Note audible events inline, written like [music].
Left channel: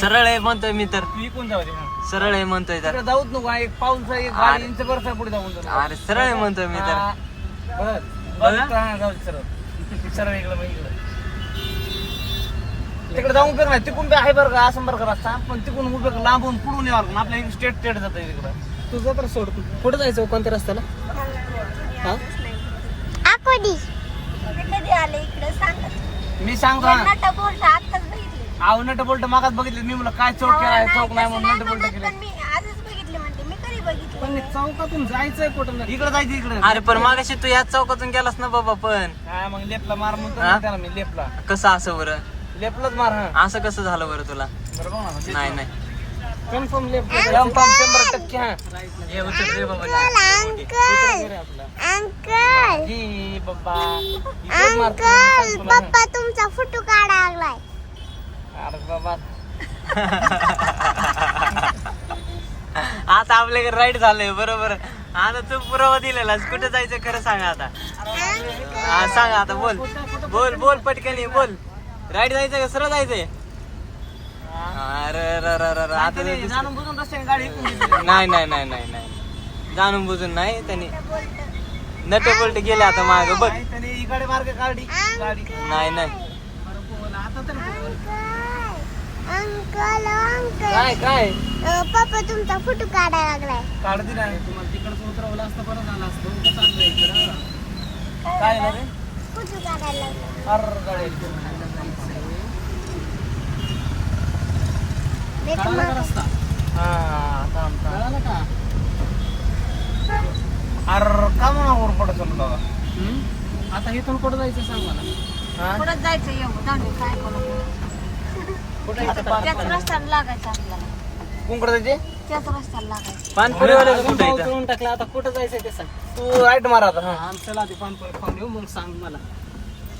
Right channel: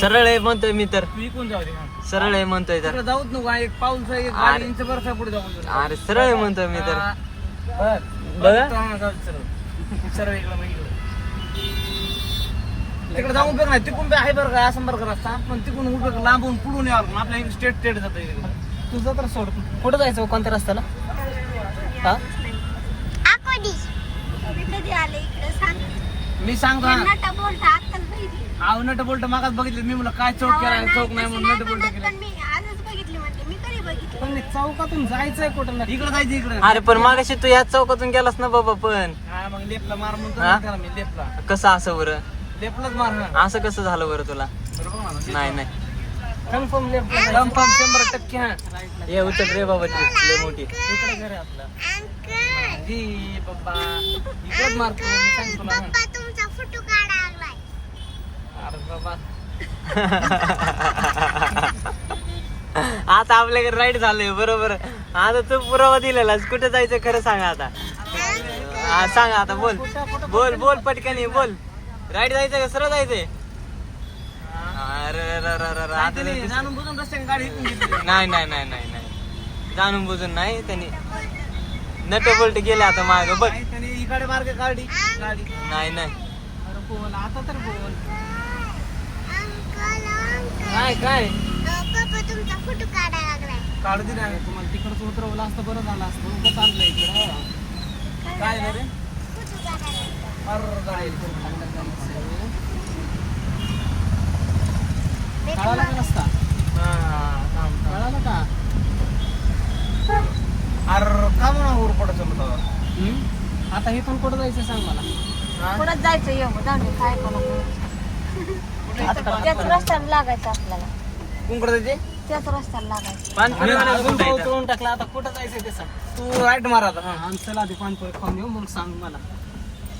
सरळ आहे म्हणतोय मी तर. तू इकून जाऊ दे मग. सरळ आहे म्हणतोय तर. तिकडे जाऊच नको एक पाऊल एक अरे. गाडी इंच बरसा पुढे जाऊन जाऊ. अरे सरळ आहे म्हणतोय मी तर. हा. बघ. बघा. हा, जाऊ दे सरळ. सरळ इकडे बघ इकडे. तिकडे जाऊन बघ ना तिकडून बी आहे बरं का असं बरं का रस्ता पण तिकडून उभं लांबून पुढून यावं लागून आपल्या स्टेट स्टेट जातं तिकडं. तुझं तर सोड. कुठं जायचं कोणत्या रस्त्याला? हा? आकोडी. कधी आले इकडे सांग. मी सांगतो ना. नाटा बोलता आत्ताच बघितली आव नट बोलट मागात बघितले मी मला काय चौक केला चौक नाही म्हणून नट बोलट केले मी आजच बघितली म्हणते मी कधी बघितली पण चौकातून जायचंय कुठं नाही. इकडे जायचं इकडे. अरे पण मागाशी तू याच चौकातून गेलास ना बाबा पण. हा मग लेपला मार म्हणतो हा? त्याला मी लेपला. कसं असं बरं? लेपलाच मार ना असं कसं झालं बरं तुला? बरोबर ना नाही नाही. कन्फर्म लेफ्ट पंप शंभर टक्के हा. ये उचल रे बाबा लय मोठी. अंकल ही बाबा. इकडेच मारतो मी सांगतो तुला ना. पप्पा तुमचा फोटो काढा. [laughs] आता आपल्याकडे राईट झालंय बरोबर. आता तू पुरावा दिलेलास कुठे जायचं खरं सांग आता. हा सांग आता बोल. बोल बोल पटकनी बोल. राईट जायचं का सरळ जायचंय? अरे र, र, र, र, आता नाही नाही नाही नाही नाही जाणून बुजून नाही त्यांनी नट बोल्ट गेले आता माग बघ. नाही, नाही तर बोल अंकल अंकल. काय काय? पप्पा तुमचा फोटो काढा लागलाय. काढ दिला तुम्हाला तिकडचं उतरवलं असतं बरं झालं असतं. उगाच चाललंय इकडं. काय झालं रे? फोटो काढायला लागलाय. अर गाडी कळाला का रस्ता? हा कळालं का? अर का पडत दादा हम्म? आता इथून कुठं जायचं सांग मला? हा? परत जायचं? येऊ जाऊन काय करू? त्याच रस्त्याला लागायचं आपल्याला. त्याच रस्त्याला लागायचं? तळून टाकला. आता कुठं जायचं ते सांग. तू राईट मारा आता. हा, आमचं आधी पानपुरी खाऊन येऊ मग सांग मला.